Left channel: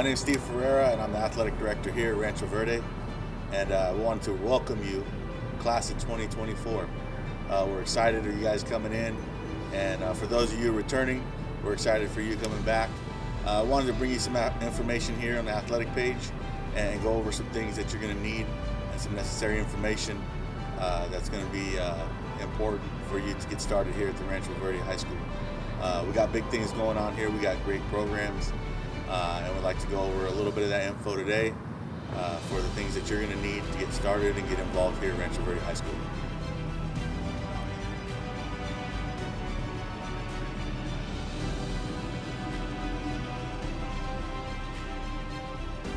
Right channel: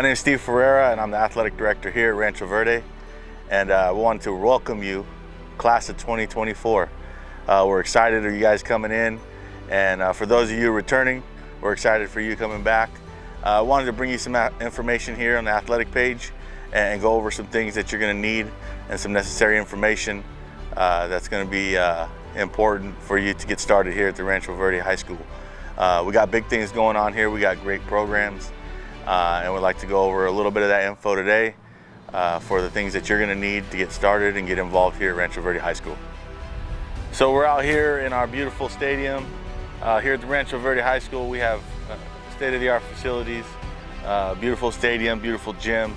My name is Steve Ferreira, and I'm the athletic director here at Rancho Verde. And I wanted to welcome you, class of 2024. We're excited of you guys coming in, and for those of you returning, we're excited for you coming back. I wanted to bring you some information here on the athletic page and go over some things that you're going to need and some necessary information that's going to be important for you to get started here at the Rancho Verde High School. We got big things going on here. We got great programs, and we'd like to go over a little bit of that info today for the things that you're going to need to get started and get involved here at Rancho Verde High School. So we're out here in our beautiful stadium. Here at the Rancho Verde High School, we have state-of-the-art facilities, beautiful stadium, beautiful gym.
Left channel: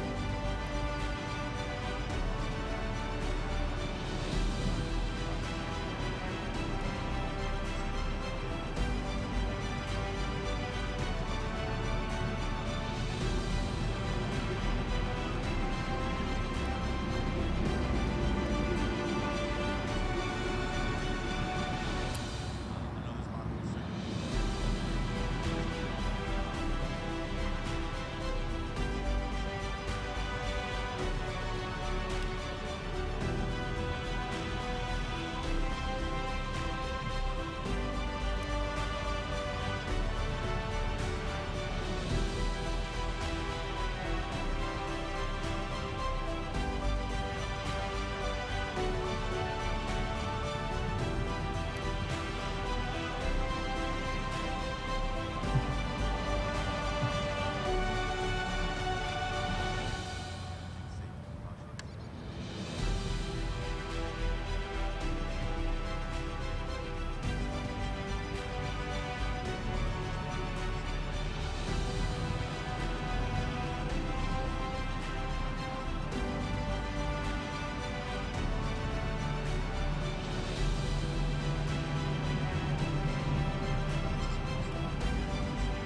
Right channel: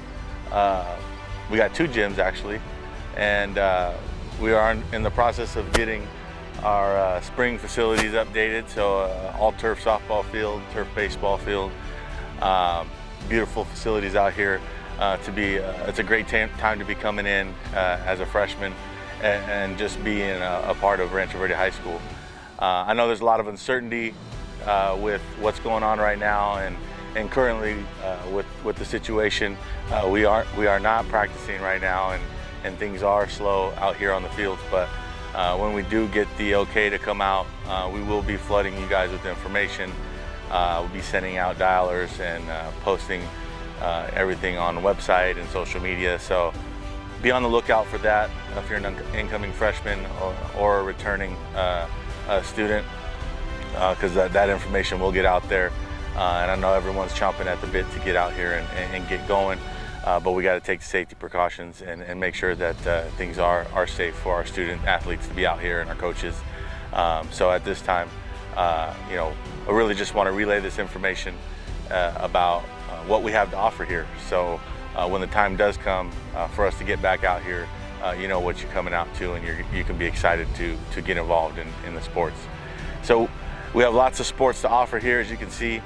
We got 2 gyms actually, and we are in the process of getting our spring facilities updated. So all turf softball field, turf baseball field, beautiful facilities out here. It's a great time to be coming in as a freshman and just being a part of Rancho Verde High School. I know there's a lot of uncertainty with what's going on right now, and currently with the situation, we are not practicing right now, and things are slow out here on the field. But when we do get the okay to come out, we will be flooding you guys with information. We'll be sending out dialers and posting everything on the website and social media. So be on the lookout for that if you're an incoming freshman or a returning student, because that information will get out there. And I know everyone's chomping at the bit to get out here and get going, but we got to take the safety precautions and make sure that things are safe for our student athletes to be out here and our coaches. So at this time, I really just want to relay this information about what we have to offer here. So when the time does come for us to get back out here, you know what you're coming out to, and you can be excited to get involved in the sports. So we have lots of sports to offer here, as you can see.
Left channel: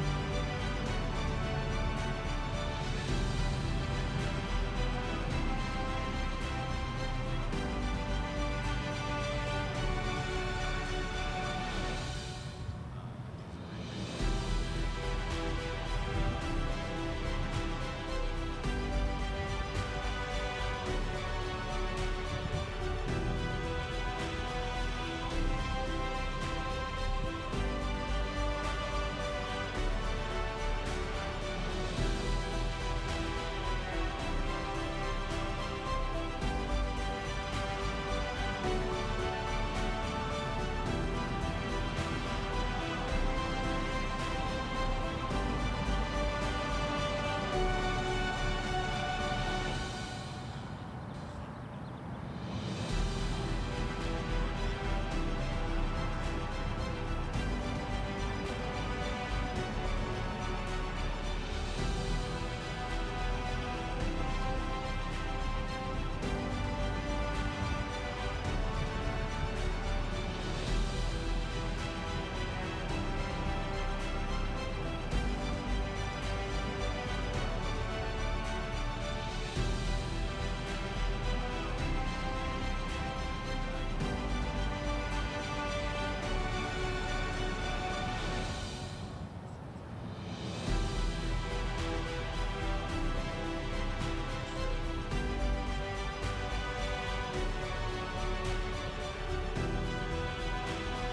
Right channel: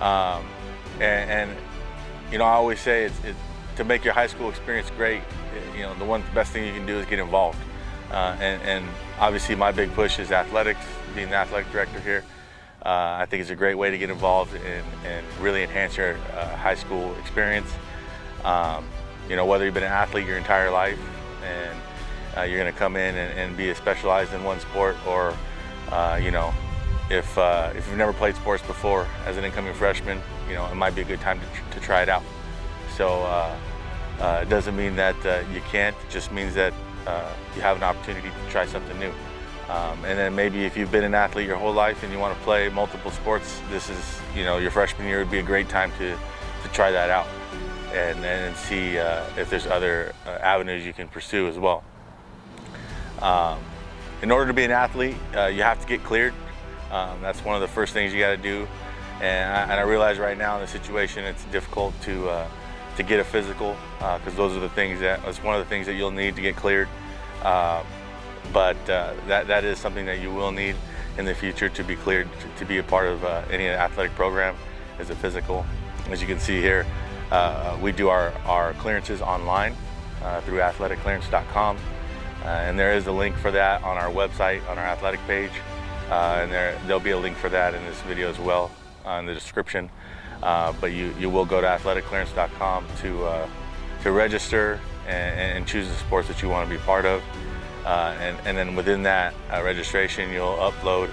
And I always say it's to make your high school experience great, the best thing you can do is get involved. And obviously my big push is athletics, being the athletic director here. I think it's a great way to get involved and really enhance your high school experience. Whether you've been an athlete your entire life and you're going to come in and be specialized in one sport, or if you've never played sports before as an incoming freshman, it might be a good time to try it out. So it doesn't mean that you can't, it just means that you have an opportunity to try something new. And then maybe if you've been an athlete your whole life and you want to play multiple sports, this is, your freshman year would be a great time to try that out and see if there's other avenues you can pursue as well. In order to be an athlete, you have to get cleared. That's one of the first things you got to do. And I realize right now in the situation it's difficult to get a physical, because those are the things that's one of the things that you'll need to get cleared. But that is something that you will need in the future to be cleared to be a part of any athletic program, is a physical. As you can see here, we do our clearances online through athleticlearance.com, and there is a link for that on our website, on our athletic page, and there'll be a link for that in this video as well in the description. But you will go to athleticlearance.com to register and choose the sports that you want to be part of. And then within that registration, you'll upload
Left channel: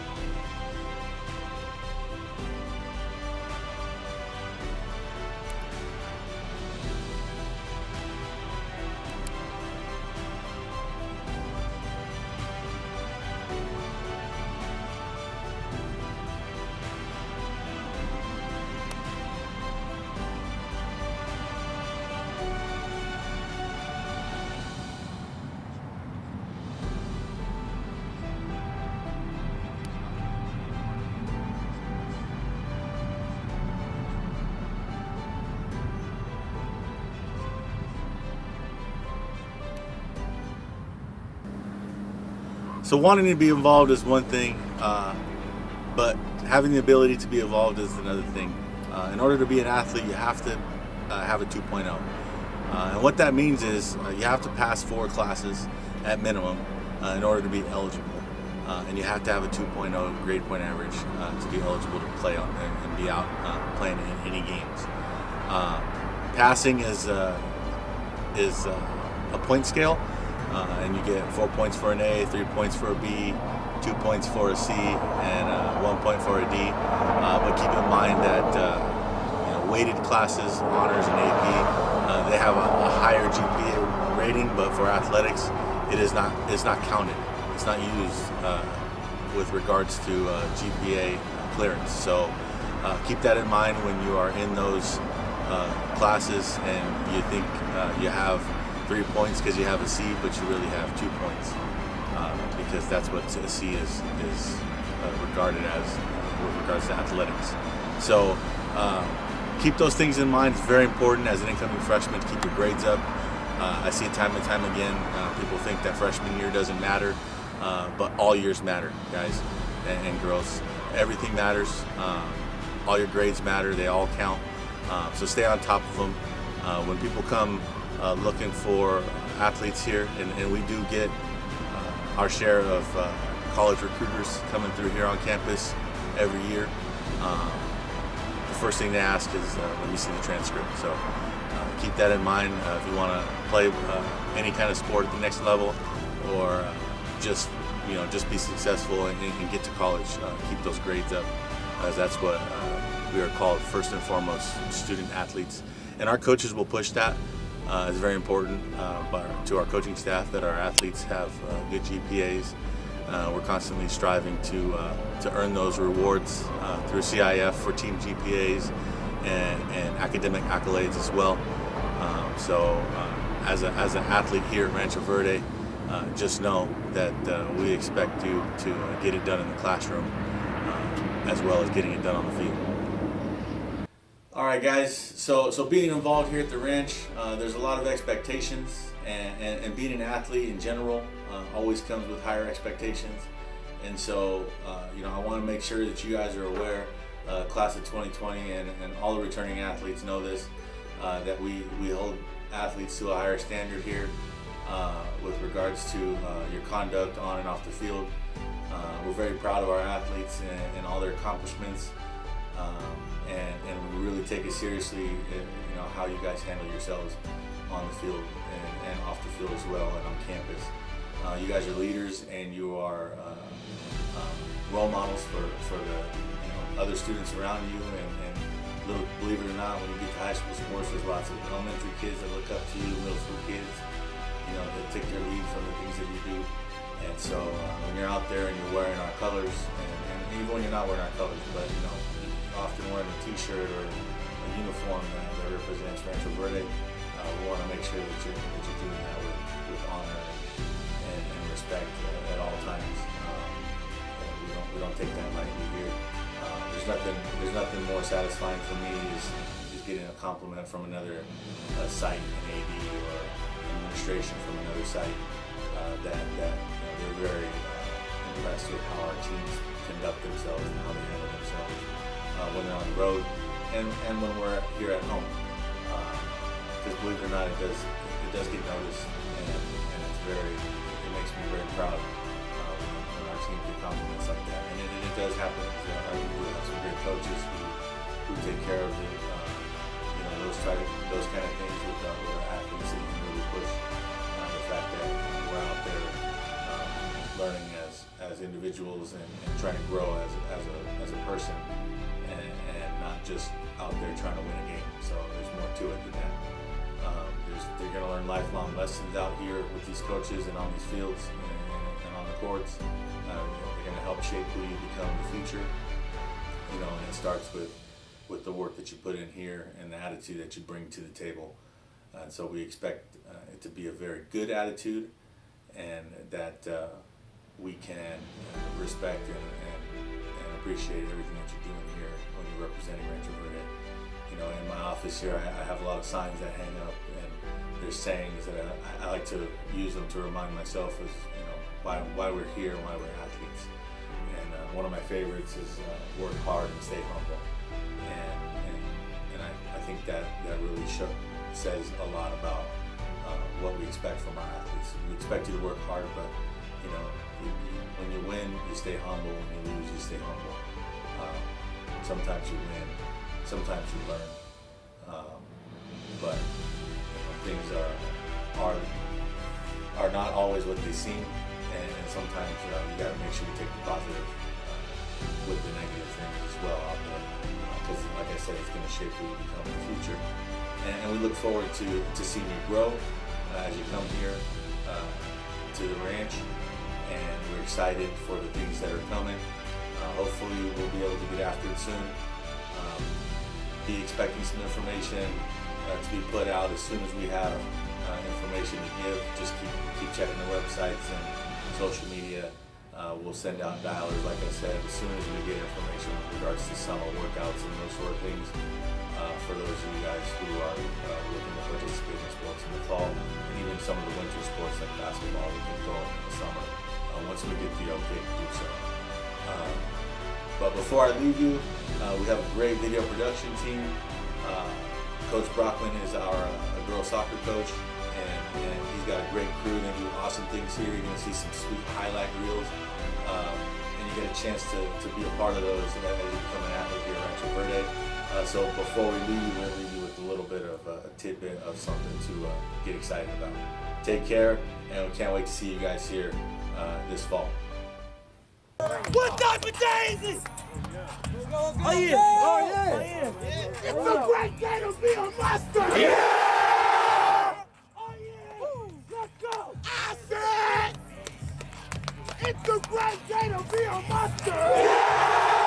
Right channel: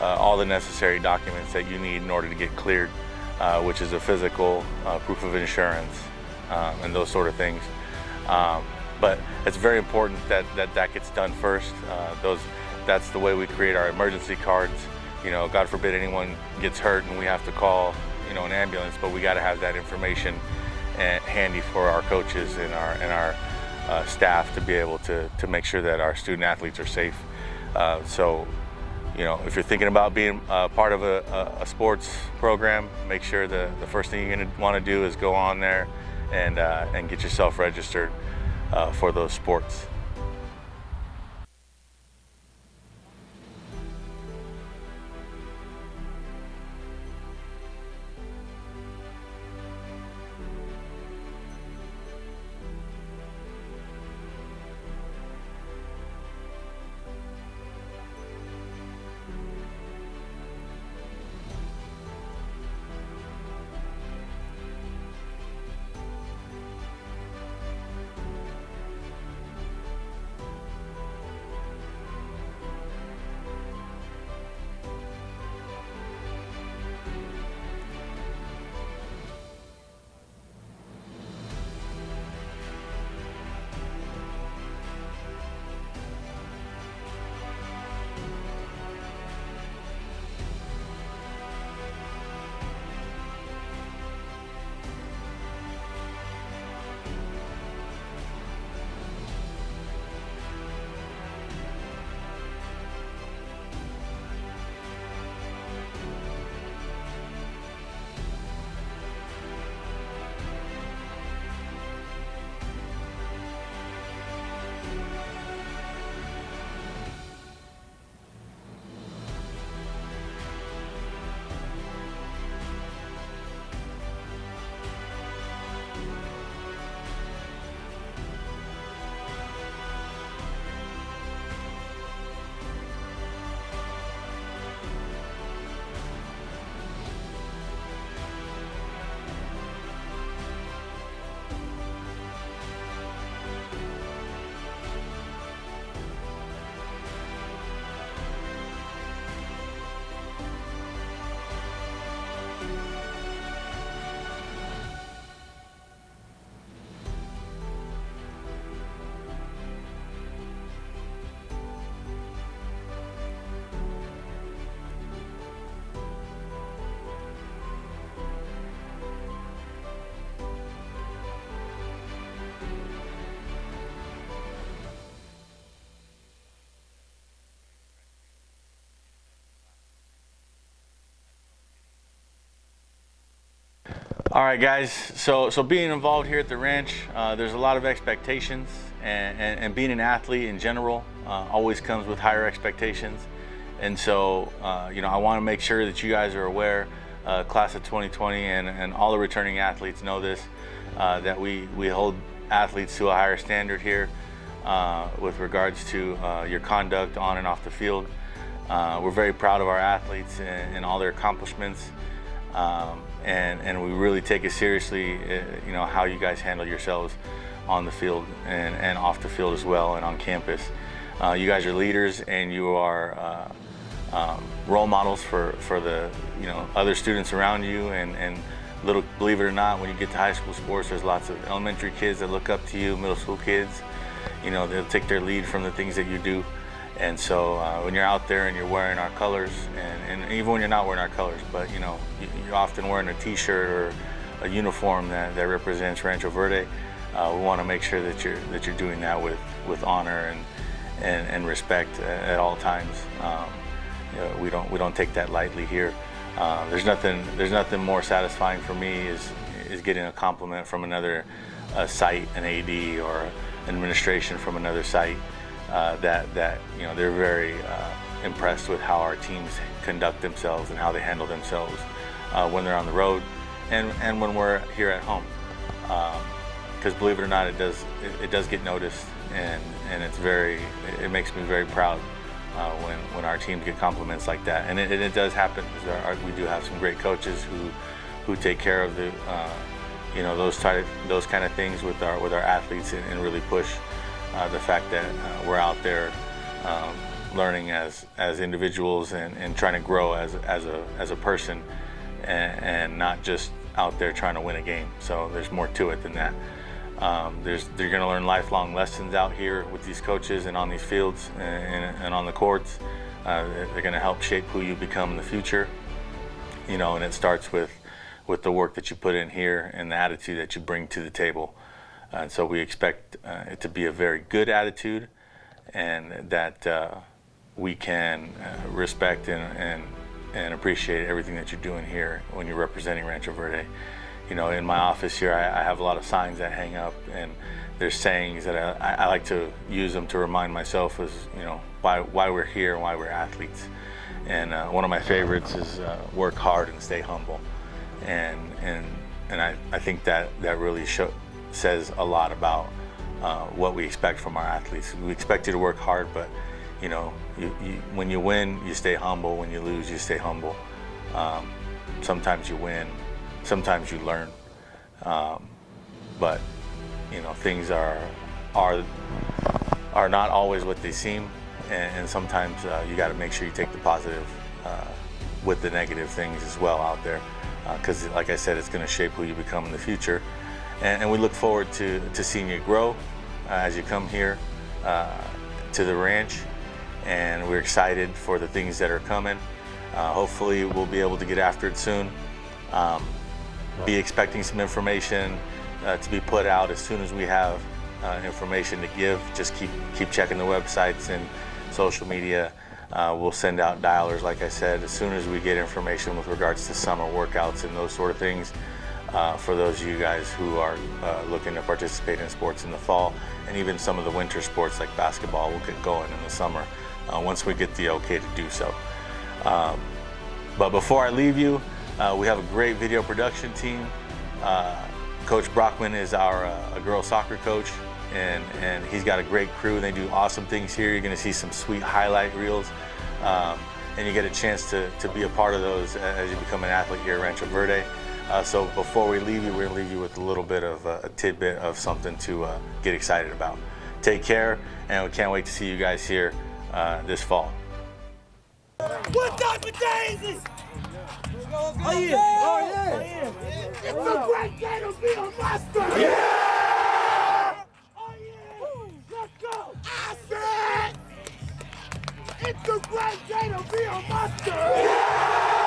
all the necessary documents that you need in order to get cleared, which is a physical, proof of insurance, and those sort of things. But it's very important that gets done first. That's the way we create our emergency cards. God forbid anyone gets hurt and we have to call an ambulance, but we got to have that information handy for our coaches and our staff to be able to make sure that our student athletes are safe. So if you're thinking about being part of a sports program, make sure the first thing you're going to want to do is go on there and get yourself registered for those sports. So wanting to be involved is one thing, but having the ability to be involved is another thing. In order to be an athlete, you have to have a 2.0. And what that means is you have to pass 4 classes at minimum in order to be eligible. And you have to have a 2.0 grade point average to be eligible to play on and be out playing in any games. Passing is a point scale, and you get 4 points for an A, 3 points for a B, 2 points for a C, and 1 point for a D. But keep in mind that weighted classes, honors and AP, they have a higher GPA rating, but for athletics, it's not counted. It's not used with regards to GPA clearance. So keep that in mind when you are in those classes and you think you have 3 points because you have a C, but you really have 2 points, because that's what a C is regarded as with regards to athletics. So keep those things in mind. It's very important as an incoming freshman to keep your grades up. I see it time and time again. People think that freshman year doesn't matter, but all years matter, guys and girls. Everything matters. All your grades matter. They all count. So stay on top of them. When people come looking for athletes here, and we do get our share of college recruiters coming through here on campus every year, the first thing they ask is, let me see the transcript. So keep that in mind if you want to play any kind of sport at the next level, or just be successful and get to college. Keep those grades up, as that's what we are called, first and foremost, student athletes. And our coaches will push that. It's very important to our coaching staff that our athletes have good GPAs. We're constantly striving to earn those rewards through CIF for team GPAs and academic accolades as well. So as an athlete here at Rancho Verde, just know that we expect you to get it done in the classroom as well as getting it done on the field. All right, guys, so being involved here at the ranch, there's a lot of expectations, and being an athlete in general always comes with higher expectations. And so I want to make sure that you guys are aware, class of 2020 and all the returning athletes know this, that we hold athletes to a higher standard here with regards to your conduct on and off the field. We're very proud of our athletes and all their accomplishments. And we really take it seriously, how you guys handle yourselves on the field and off the field as well, and on campus. You guys are leaders, and you are role models for the other students around you. And believe it or not, when you get to high school sports, there's lots of elementary kids that look up to you, middle school kids. They'll take their lead from the things that you do. And so when you're out there and you're wearing our colors, and even when you're not wearing our colors, but you're often wearing a t-shirt or a uniform that represents Rancho Verde, we want to make sure that you're doing that with honor and respect at all times. We don't take that lightly here. There's nothing more satisfying for me is getting a compliment from another site, an AD or administration from another site, that they're very impressed with how our teams conduct themselves and how they handle themselves when they're on the road and when we're here at home. Because believe it or not, it does get noticed, and it makes me very proud when our teams get compliments like that. And it does happen. We do have some great coaches who take care of the those kind of things with our athletes and really push the fact that we're out there learning as individuals and trying to grow as a person, and not just out there trying to win a game. So there's more to it than that. They're going to learn lifelong lessons out here with these coaches and on these fields and on the courts. They're going to help shape who you become in the future. And it starts with the work that you put in here and the attitude that you bring to the table. And so we expect it to be a very good attitude, and that we can respect and appreciate everything that you're doing here when you're representing Rancho Verde. In my office here, I have a lot of signs that hang up, and there's sayings that I like to use them to remind myself is, why we're here and why we're athletes. And one of my favorites is work hard and stay humble. And I think that really says a lot about what we expect from our athletes. We expect you to work hard, but when you win, you stay humble. When you lose, you stay humble. Sometimes you win, sometimes you learn. but you know, things are not always what they seem, and sometimes you got to make sure you take the positive with the negative things as well out there, because like I said, it's going to shape who you become in the future, and we look forward to seeing you grow as you come here to the ranch, and we're excited for the things that are coming. Hopefully we'll be able to get after it soon. Be expecting some information to be put out as soon as we have information to give. Just keep checking the websites and social media. We'll send out dialers, like I said, as soon as we get information with regards to summer workouts and those sort of things. For those of you guys who are looking to participate in sports in the fall, and even some of the winter sports like basketball will get going in the summer once we get the okay to do so. But before I leave you, we have a great video production team. Coach Brockman is our girls soccer coach, and he's got a great crew. They do awesome things here. You're going to see some sweet highlight reels, and you get a chance to be a part of those as you become an athlete here at Rancho Verde. So before we leave you, we're going to leave you with a little bit of a tidbit of something to get excited about. Take care, and we can't wait to see you guys here this fall. What type of day is this? Oh yeah! Oh yeah! It's a great day to be a monster! Yeah! Oh yeah! Let's go! I said it's a great day to be a monster! Yeah!